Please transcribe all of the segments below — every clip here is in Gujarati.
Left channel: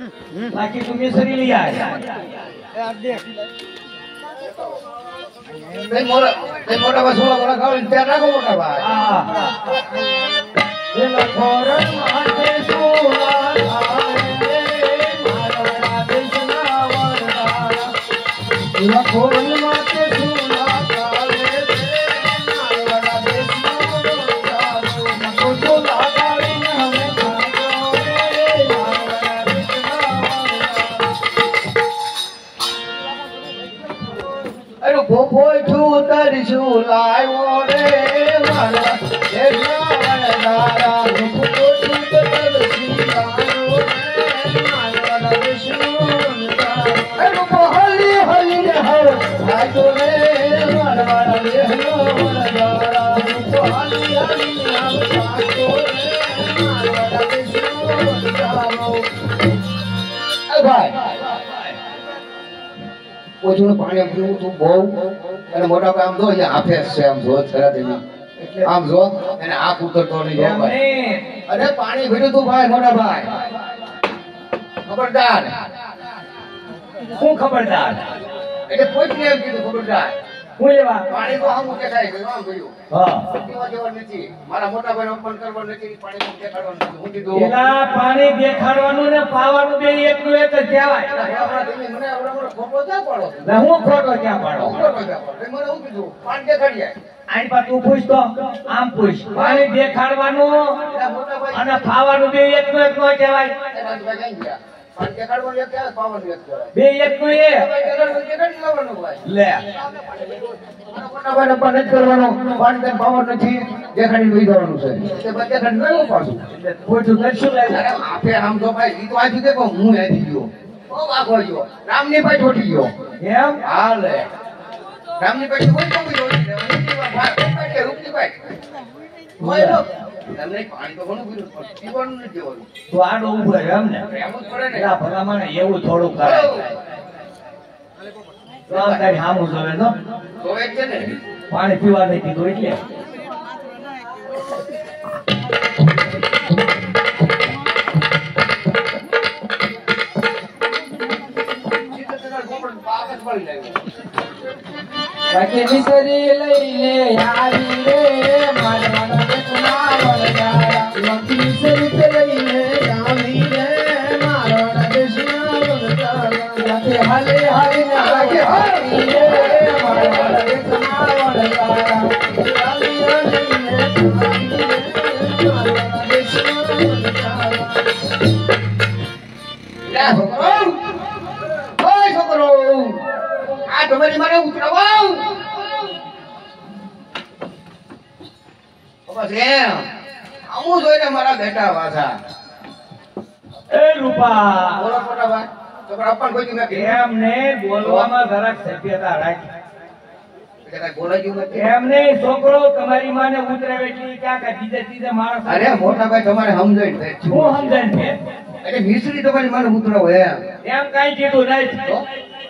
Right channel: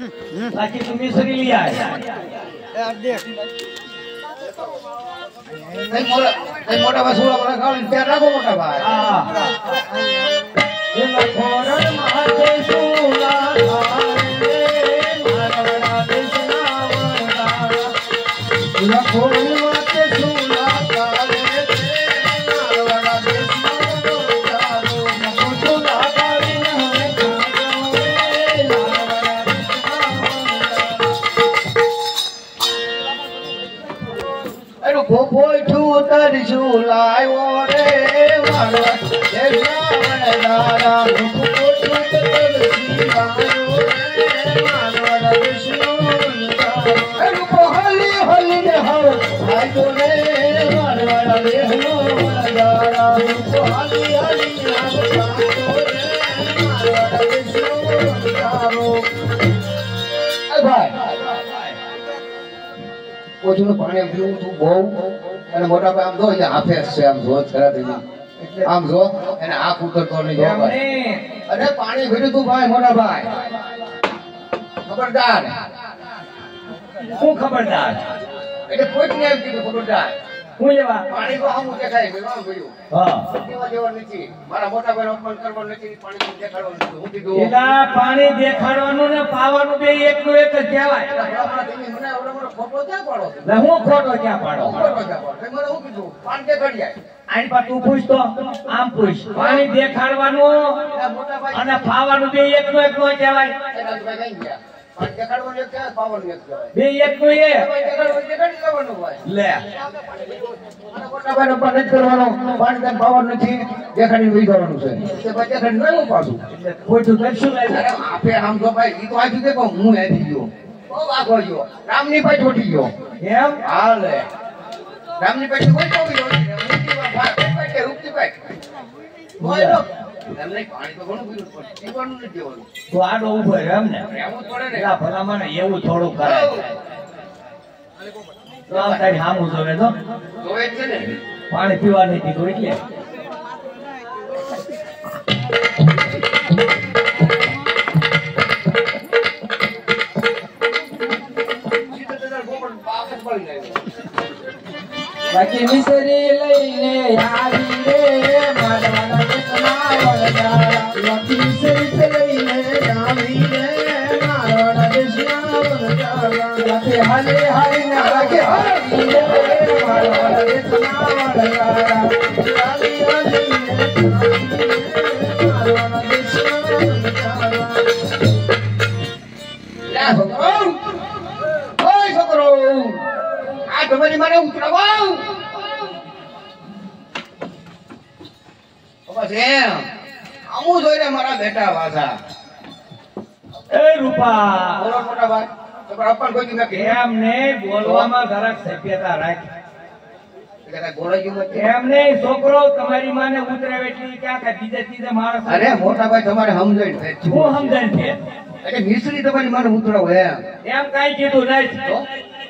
બાકી તું મિસરી લઈ આય મોટા ભાઈ સોળા મોટા ખાવ ત્યાં રાખો મોટા ભાઈ એ લખોરણ માથે સોલા મારવડા દેશના વરદારા લખોરણ માથે સોલા કાલે મારવડા દેશનો વરદારો મકો સોલા કાળીને હવે ખાજો મારવડા દેશના વરદારા એનો ગોપો છું તરશું લાવ્યો રે મારવા દેશના વરદારા ગોપો છું તરસી લાવ્યો રે મારવા દેશનો વરદારા એનો હલી હલી ને હવે આજો રે મારવા દેશનો વરદારા ગોપો હલી હલી ને હવે આજો રે મારવા દેશનો વરદારો એ ભાઈ ઓછું પાણી પીવું તું બહુ અને મોટા ભાઈ આમ જો અહીંયા હાફે છે આમ જો ખરા દેવી આમ જો એને આંખ ઉતરતો નહીં જો ભાઈ અરે પાણી ભર્યું તું ભાઈ મોટા ભાઈ ખબરદાર હું ખબરદાર એટલે પોચને એમ કીધું ખબરદાર હું લેવા પાણી તો આમ દેખાય ગયું આમ ગયું હા દેવા દેવા નથી મારા મોટા ભાઈ અપમાન કરવાનું નથી પાણી તો દેખાડવાનું નથી હું કીધું એલા પાણી દેખાડવાનું ને પાવાનું બે એકનું એક જ કહેવાય મને આવડા ખોટો ક્યાં પાડો ને હું ખોટો ક્યાં પાડો ખોટો ક્યાં પાડો મને હું કીધું પાણી દેખાડી જાય આની પર તું પૂછ તો આમ પૂછ પાણી દેખાડવાનું મોટા ભાઈ અને પાવાનું બે એકનું એક નો કહેવાય એના ભાઈ કઈ ગયા પાણી દેખાડવાનું એક કહેવાય પાવાનું એક કહેવાય બે એકનું એ ભાઈ દેખાડી લેવાનું ભાઈ લે મોટા ભાઈ પણ નથી કરવાનો પાણી તને પાવર નથી દેખાડી લઈ જવાનું છે તે ભાઈ દેખાડી લેવું પાછું એટલે ખોટું કરશું લે અરે આપે આમ તો ભાઈ ઈ તો આજી દેખો હું આવી ગયો બહુ આગો ગયો રામની પાછ ઉઠી ગયો એમ હા લે રામની પાછ કોઈ તો બી ઉઠી ગયો ઉઠી પાછ રૂપની પાછ કોઈ નો તમને પાણી તો ઘણું પીવું પણ પીવાનું નથી દેવાનું તો આડો ઉભો રહ્યો એમ ને રહેવું જ પડે ને એલા ભલા મને એવું થોડું કરાય તો આમ તારી હામું જોવે તો જોવે જ છે ને પાણી પીવા નહીં દીધું એટલે સીધો તને ગોળ પાક જ પડી જાય બાકી મિસરી લઈને આવી રે મારવાના દેશના વરદારા બાકી મિસરી લઈને આવી રે મારવાના દેશના વરદારા બાકી હાલે હાલીને બાકી હાલી રે મારવાના દેશના વરદારા હાલી હાલીને મારવાના દેશના વરદારા ઓય છોકરો આ તમારી મને ઉતરાવો બસ એમ આમું જોઈને મારા બેટા વાસા એ રૂપા બોલો મોટા ભાઈ તમારા અપન કોઈ નથી એમ ને બોલવામાં જરાક સભ્યતા રાખ એટલે બોલાઈ ગયું મત એમ નહીં છોકરો તમારી માને ઉતરાવે એટલે ક્યાં કા બીજે ત્રીજે માણસ અરે મોટા ભાઈ તમારે સમજાય હું સમજાય છે એટલે મિશ્રી તમારી મને ઉતરાવો એમ એમ કાઈ કીધું નહીં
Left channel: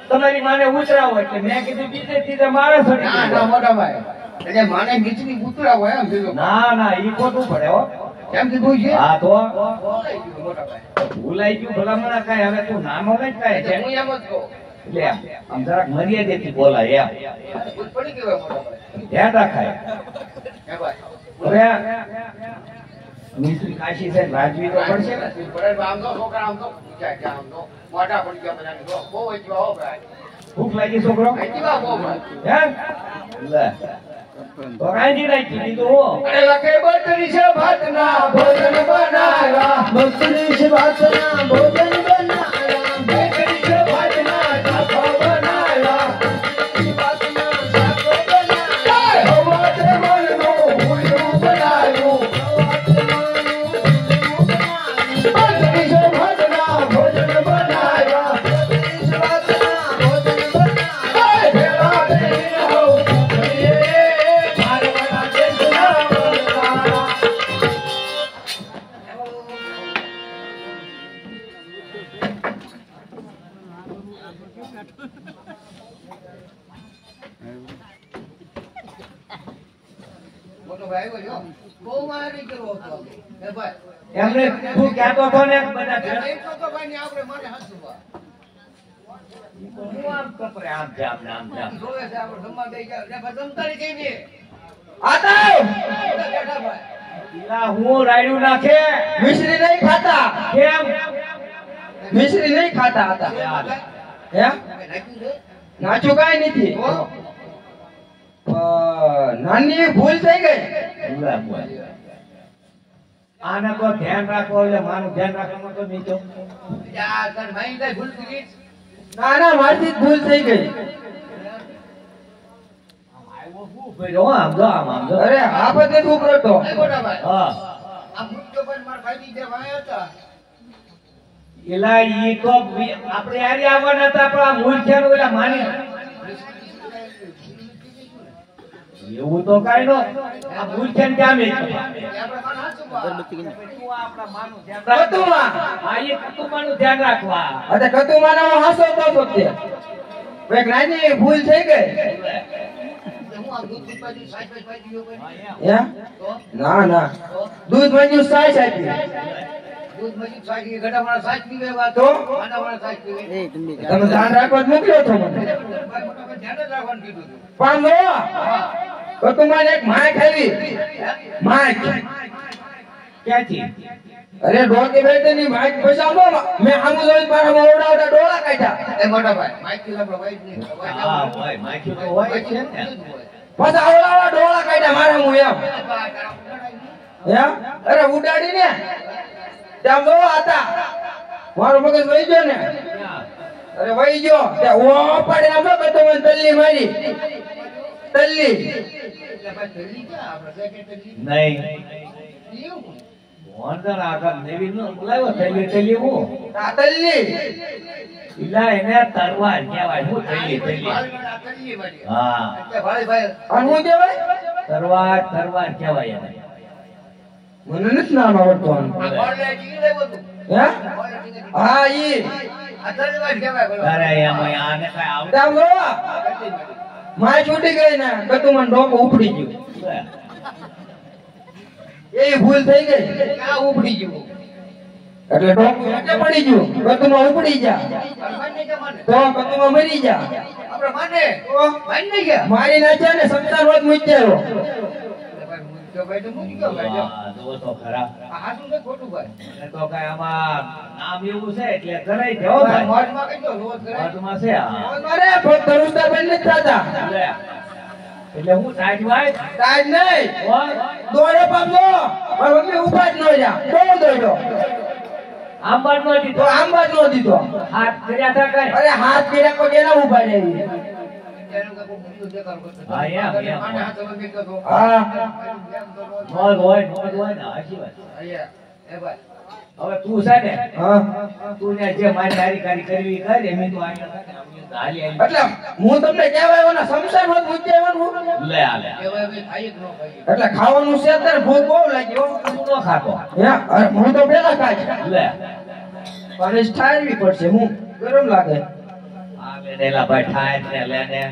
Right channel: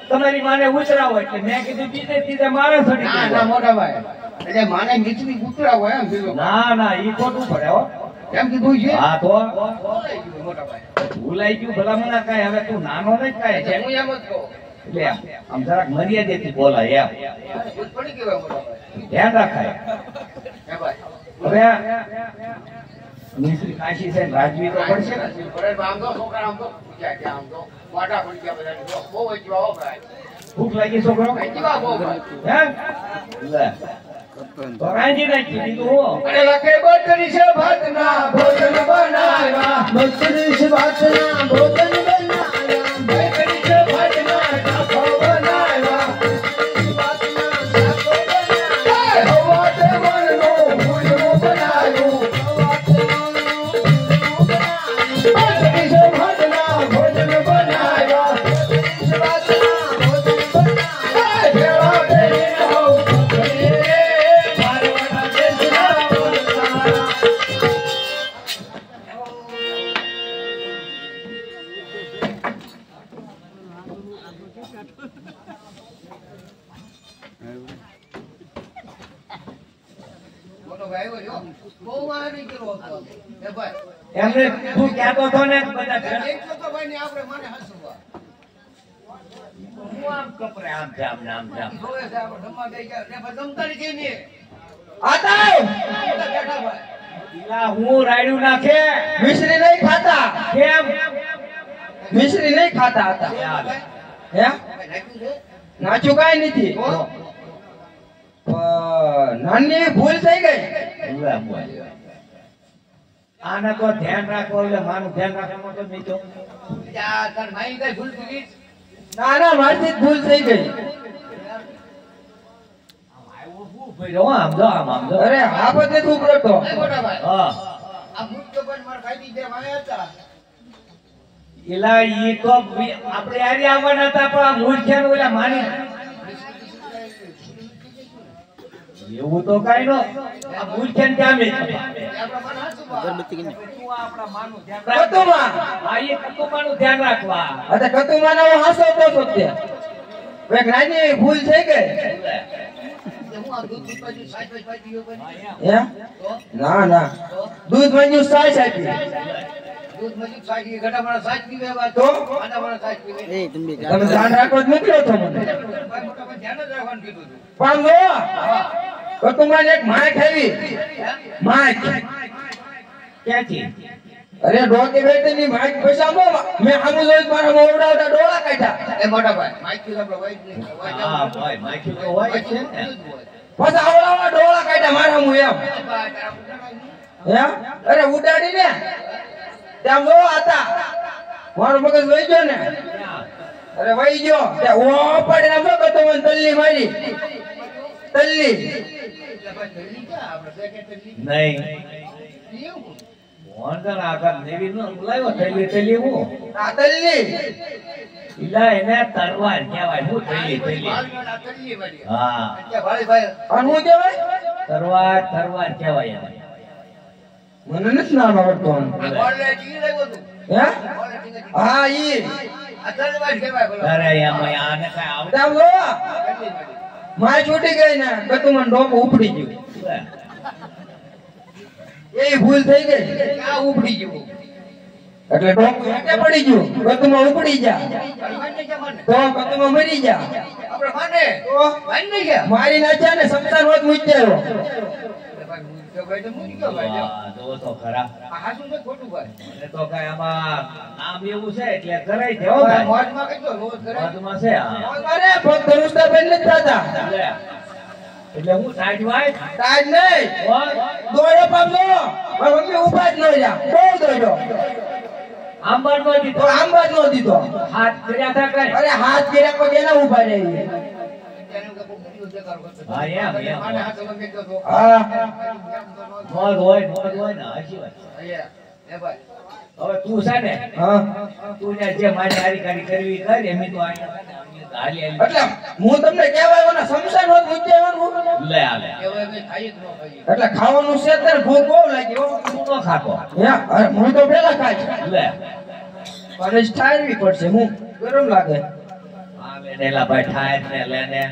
તમારી માને ઉતરાવો એટલે મેં કીધું બીજે ત્રીજે માણસ ના ના મોટા ભાઈ એટલે માને મિશ્રી ઉતરાવો એમ કીધું ના ના ઈ ખોટું પડે હો એમ કીધું છે હા તો બોલાઈ ગયું મોટા ભાઈ ભૂલાઈ ગયું ભલામણા કાંઈ હવે તું નાનો નહીં કાંઈ છે હું એમ જ કહું એટલે આમ જરાક મર્યાદિત બોલાય એમ ભૂલ પડી ગયો મોટા ભાઈ ધ્યાન રાખાય હે ભાઈ હવે મિશ્રી કાશી છે રાજવી તો પડશે ને આમ તો છોકરા આમ તો પૂછ્યા કે આમ તો મોઢા પડી ગયા બધાની જો બહુ જીવા હો ભાઈ ભૂખ લાગી છોકરો જીવા બહુ ભાઈ હે લે તો રાંધી નાખી દીધું હો અરે લખે બટરી છે ભાતના ભોજન બનાવ્યા બકરી છે ભાતના ભોજન બનાવ્યા બટરી છે ભાતના ઢાંફો બનાવ્યા ભાતના ઢાંફો બનાવ્યા હવા તે મનનો ભૂલનું બનાવ્યું બટરી છે ભાતના ભોજન બનાવ્યા બટરી છે ભાતના ભોજન બનાવ્યા ભેળા ભેળી હો મારવાના દેશના વરદારા મોટો ભાઈ આવ્યો જો બહુ મારી કર્યો હતો એ ભાઈ એમને તું કહેતો હતો ને બધા એકસો તો કપાય ને આપણે માને હસવા હું આમ કપરે આમ જામ ને આમ જામ જોવે છે આપણે જમવા દઈ ગયા ને પછી જમતા કેમ ને આતા બેઠા ભાઈ ઈલા હું રાયડું નાખે મિશ્રી નહીં ખાતા કેમ મિશ્રી નહીં ખાતા આતા હે નાખ્યું છે નાચું કાંઈ નથી નાની ભૂલ થઈ ગઈ ઉલા બોલ આને તો ધ્યાન રાખો એટલે માનું ધ્યાન રાખવાનું તો નીચો યાર તન માઈ કઈ ભૂલ કરી ના ના મારથી જ ભૂલ થઈ ગઈ આમ આવ્યો હું ભર્યો આમ જો આમ જો અરે આ બધે તું કરતો એ મોટા ભાઈ હા આ મુજ તો પણ મારા ભાઈ જે વાયા હતા ઈલા ઈ તો આપણે આરી આવવાના હતા પણ આ મૂર્ખ્યાને ઓલા માની એવું તો કાઈ નો આ મૂર્ખ્યાને ત્યાં મેં આપણે માને હસવા તું આપણા માનું ધ્યાન રાખ કતુમાં આ એ કતુમાનું ધ્યાન રાખવા અરે કતુમાં નો હાસો તો તે એક નાની ભૂલ થઈ ગઈ હું આ દૂધ બાજુ સાઈડ બાજુ પાઈ કોઈ હે તો ના ના દૂધ મંજુ સાઈસ આપી દૂધ મજી સાઈડ ગટા મારા સાઈડ પીવે વાત તો? આના મારા સાઈડ પીવે તમે ધ્યાન રાખવા જ મોકલ્યો છો મને ભાઈ મોટા ભાઈ ધ્યાન જ રાખવાનું કીધું હતું પણ જો કતુમાં એક માય ખાવી માય ક્યાંથી અરે ડોકે બેઠે ની માય પૈસા નો મેં હામુ જોઈ મારા મોવડાવડા ડોળા કાઢ્યા એ મોટા ભાઈ માઈક થી આપણે વાઈટ ને હા ભાઈ માખ્યું તો હોય જ છે ને પાછા આવડાવડા ડોળા કાઢ્યા મારા હું એમ હે અરે ઉડાડી ને તેમ જો આતા મારો મગજ વહી ગયો ને અરે વહી ગયો તે ઓ પડે ને મગજ તો મને તલ્લી મારી તલ્લી નહીં એવું મોહનદાસ આગળ દેવી નો બોલાવ્યો થેલી થેલી હું આ તલ્લી ઈલા એને તરવાર કહેવાય હું થેલી થેલી હા અને હું કહેવાય તરવાર તરવાર કહેવાય એને મને નથી નામ આવડતો હે હા ઈ અરે એમાં આને કઈ આવડે તેમ જો માય છૂટી ગઈ ને કતુમાં ડોક ઉપડી ગયું એ ભૂલ થઈ ગઈ ઉપડી ગયું એટલે ડોક હેઠે પડી ગયું કતુમાં ઉપડી જા તો કતુમાં મરી જા આપણે માને તો માની ગયા મારી નાખ્યા ને સમસાન હોત મૂક્યો ભાઈ તો મૂકી ગયો ભાઈ હા, જો તો ખરા આ શું છે ખોટું ભાઈ મને તો કઈ આમાં નામ એવું છે એટલે કરાઈ દેવો ભાઈ મોજમાં કીધો રોજ કરે વાતમાં છે આ. મારે ફક્ત રૂસ્તા બેન નથી થતા લે. એટલે હું સાઈડ વાય તાજ નહીં દોડો પામજો પણ મમ્મી ઉભા જ ન રહ્યા બહુ દોડ્યો આંબર નો તો દીધો આમ બાદ નો દીધો હાથ કર્યા હતા કઈ અરે હાથ કર્યા પછી એના ઉભા રહી તેનું કે કોઈ બીજું દેખાડો કરતો હા, એમ. માને હાથ લગે તો હા નોંધ હોય ને હાચી વાત અહીંયા એ ભાઈ હવે તું છે ને હા તું ને જે મારી હારીકારી કરવી એ કર એમ તો આયા હતા ને અમે હાલી હાલી એટલે હું તમને કહેવાય એના સમસાન હોત મૂકી આવવાનું લે આલે એ ભાઈ ભાઈ ખાઈ જ ન ખાઈ એટલે ખાવાનું છે ત્યારે ભૂખ બહુ લાગી હો તું નો ખાતો હે અરે હું તો પેલા ખાઈશ લે અને ઠારવી પડશે હું ગરમ લાગે આલે ને લા ભાઈ ઠાય ને લે ને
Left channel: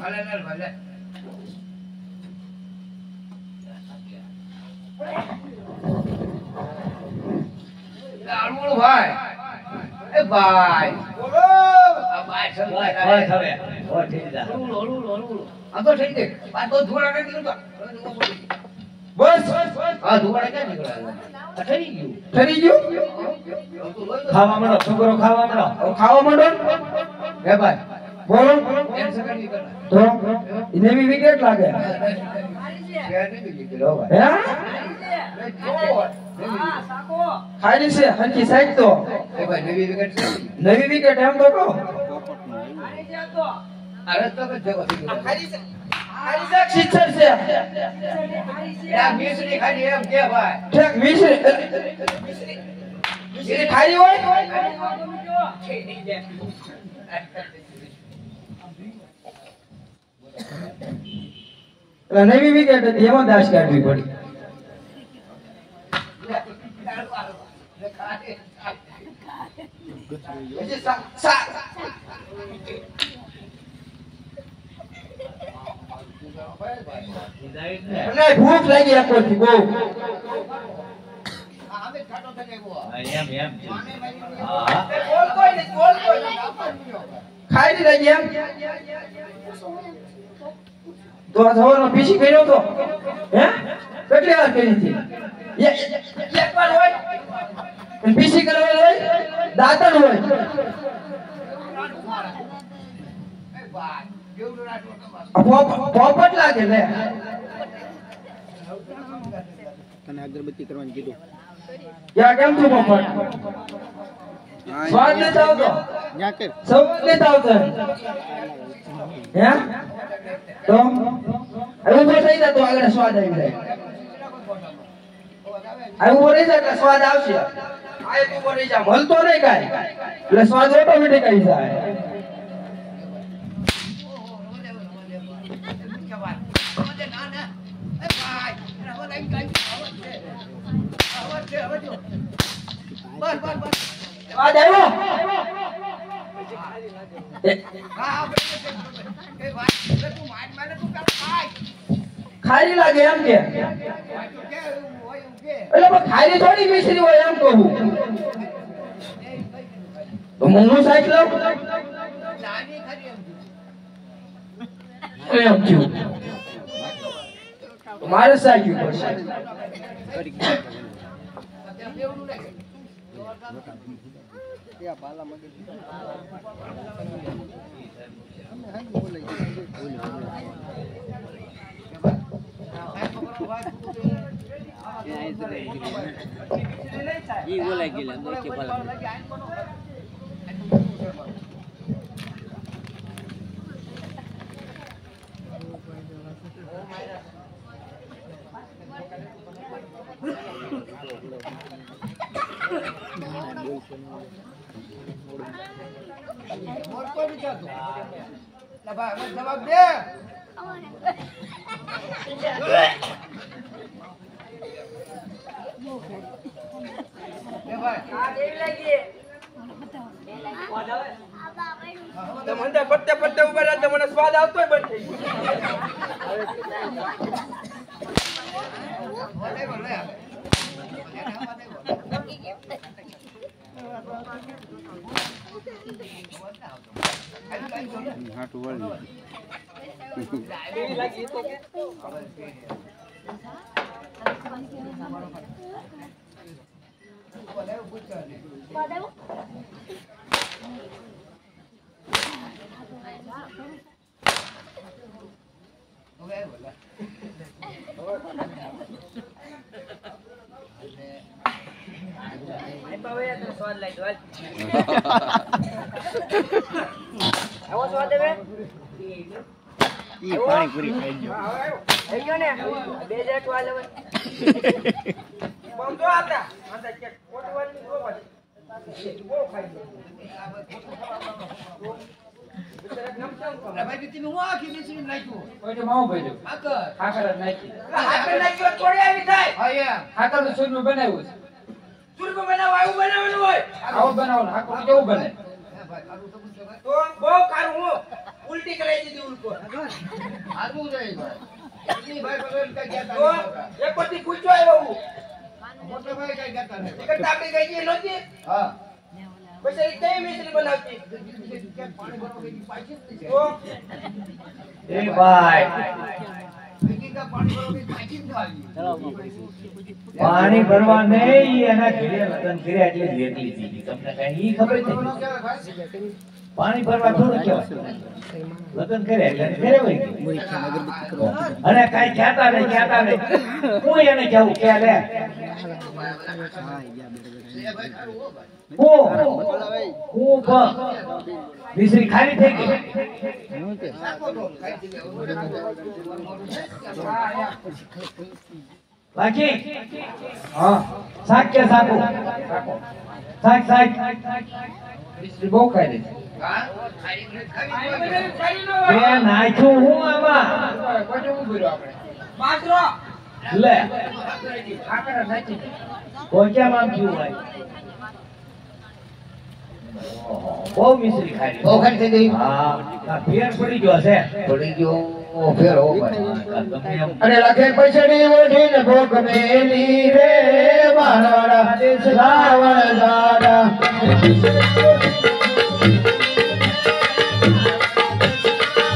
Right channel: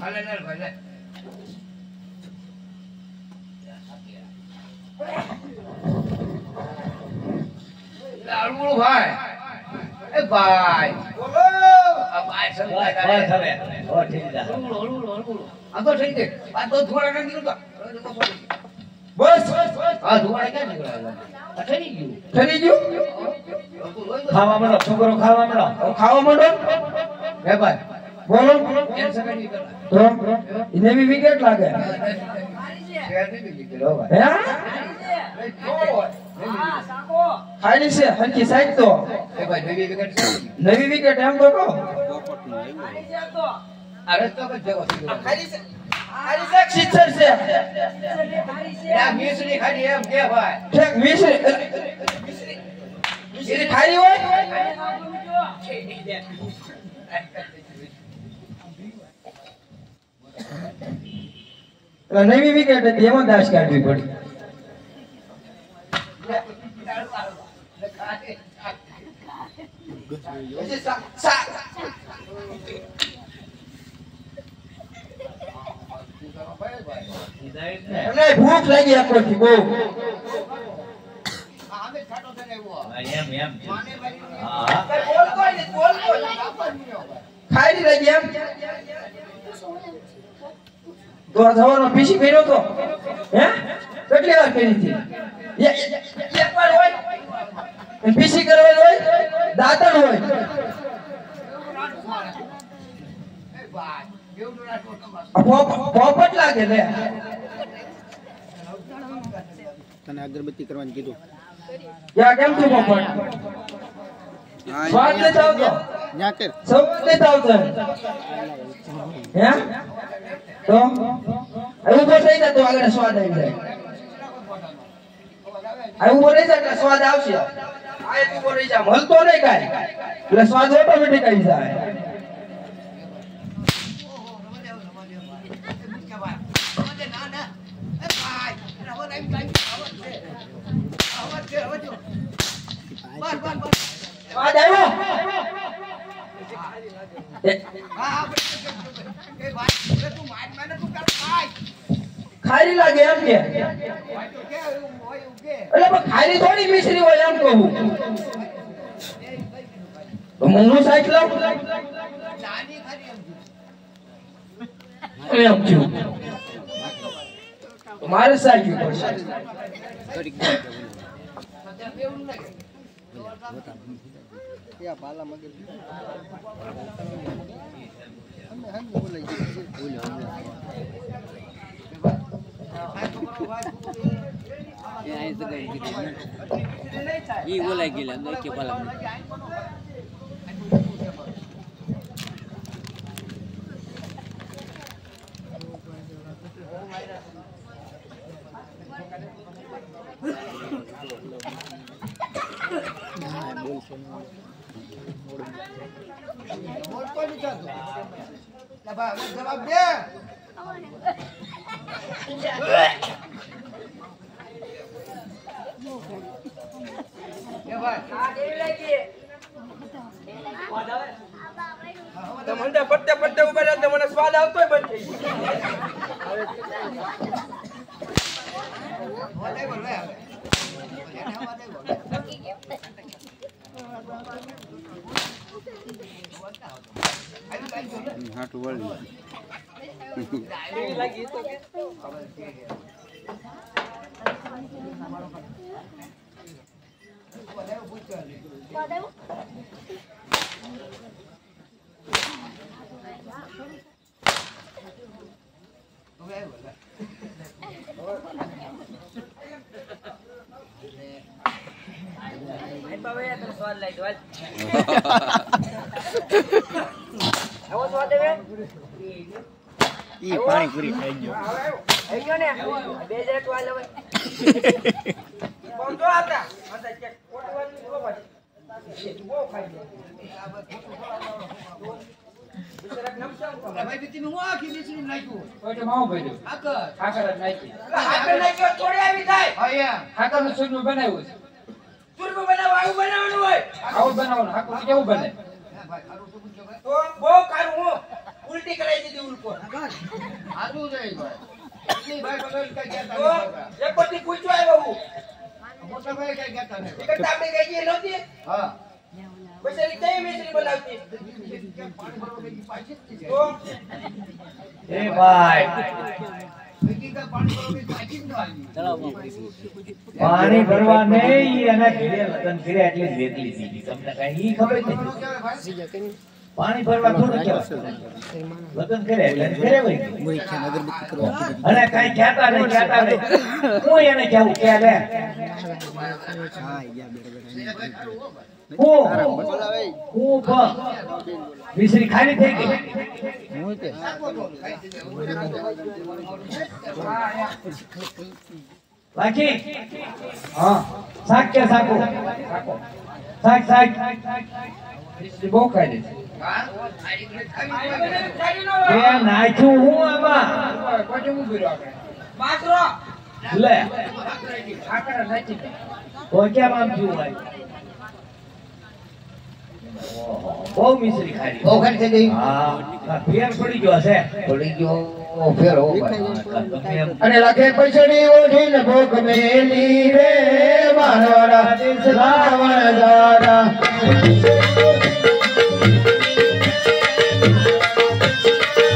હાલે ને ભાઈ લે લાડુડો ભાઈ એ ભાઈ બોલો આ ભાઈ બસ સમજાય બસ હવે ઓ ઠીક છે હળુડો આ તો થઈ ગઈ આ તો ધોળા નથી નીકળતો બસ આ ધોળા ક્યાં નીકળ્યા આ ઠરી ગયું ઠરી ગયું તો લોહી તો ખાવા માંડો છોકરો ખાવા માંડો હવે ખાવા માંડો હે ભાઈ બોલો કેન્સર કરી કર તો એને બી વિકેટ લાગે શેર નહીં નીકળ્યો ભાઈ હે હા ખાલી છે હરકી સાઈડ તો એ ભાઈ નવી વિકેટ છે નવી વિકેટ એમ તો કહો આ રસ્તો પર જવો છે ખાલી છે સિત્તેર છે આ મિસરી ખાલી એમ કે ભાઈ ઠેક મિશ્રી ખાલી હોય એટલે નવી વિકેટ હતી એમાં દાસ કાઢવી પડી મને ભૂખ લાગી આખોથી બહુ આમે ખાટો એમ છે. હા બોલ કોઈ નહીં, બોલ કોઈ નહીં. ખાઈ લીધા જેમ તો આ સવારમાં પીસી કર્યો તો હે કેટલી વાર કરી હતી એક વાર હોય અને પીસી કરવાનું હોય દાંતણ હોય પોપટ લાગે લે તને અગરબત્તી કરવાનું કીધું યા કેમ છું પોપટ સ્વાદ લેતા આવતો ન્યા કર સ્વાદ લેતા આવતો હે તો એવું તો થઈ જાય તો આગળ સ્વાદ આવી જાય આ ઉભો રહી જાય એટલે સ્વાદ આવશે આ એક ઉભો રહી જાય મળતો નહીં કાંઈ એટલે સ્વાદ ઓટોમેટિક આવી જાય સ્વાદ આવ્યો ખારી લાગે એમ કે એટલે ખારી થોડી મિશ્રી હોય એમ કહું હું સાઈડ લાવ એમ થયું મારે સાઈડ પડશે જવાબ દે મને પત્તે પત્તે ઉભા રહ્યા મને સ્વાદ આવતો બંધ થઈ સ્વાદ લાગ્યો આવો સ્વાદ આવે ઈ પાણી પૂરી થઈ ગયો થઈ ગયો ને બે જટ વાલ હવે બોમ તો આતા આતા કે કોટી વાળી જો પાછી બહુ ખાઈ લે આ ખોટું ફળાવતો બિચારા નામ કેમ ખબર ભાઈ બીતી હું આખી દીસરી નાખ્યું ઓટે માવો ભર્યો ખાકર નાખી હાકર નાખ્યો થોડી આવી થાય હા ખાકર નું ચૂરમું બનાવ્યું છે ચૂરમું બનાવવાનું હોય આવું બનાવવાનું ખાકર કેવું બને તો બહુ કારું હું ઉલટી કરાઈ દીધી ઉલકો આજુ જાય ભાઈ એટલી ભાઈ પગલ કઈ ગયા તો એક પછી પૂછ્યો આવ્યો હું મોટા ભાઈ કઈ ગયા નહીં એક તાપડી ગઈ ગઈ નહોતી હા બસ એ કઈ મિશ્રી બનાવતી પાણી ભરવા ગઈ પાછી જ છે તો એ ભાઈ પાણી ભરવા ગઈ પાછી જ ન આવી પાણી ભરવા નહીં અને ઘરે લગન કર્યા એટલે જ વેકલી દીધી તમને કઈ ઈ ખબર નથી પાણી ભરવા થોડું કહેવાય લગન કર્યા એટલે ઘરે વહી ગઈ અને કઈ કહેતા નહીં હું એને કહેવું કે લે હું મિશ્રી ખાલી થઈ ગઈ બાકી હા શાક કે શાક મિશ્રી બહુ ખાઈ દે નાખ્યું હું આમાં પાત્રો લે તો કેમ આમ થયું ભાઈ બહુ મિશ્રી ખાઈ બહુ ખાઈ થઈ ગઈ હા ફેર પડી ગયો છે પડી ગયો ઓ ફેરો ભાઈ ગમે એમ અને લખે પછડી ઓઢીને ભોગ મેલી રે મારવાડા દેશ રાવણ દાદા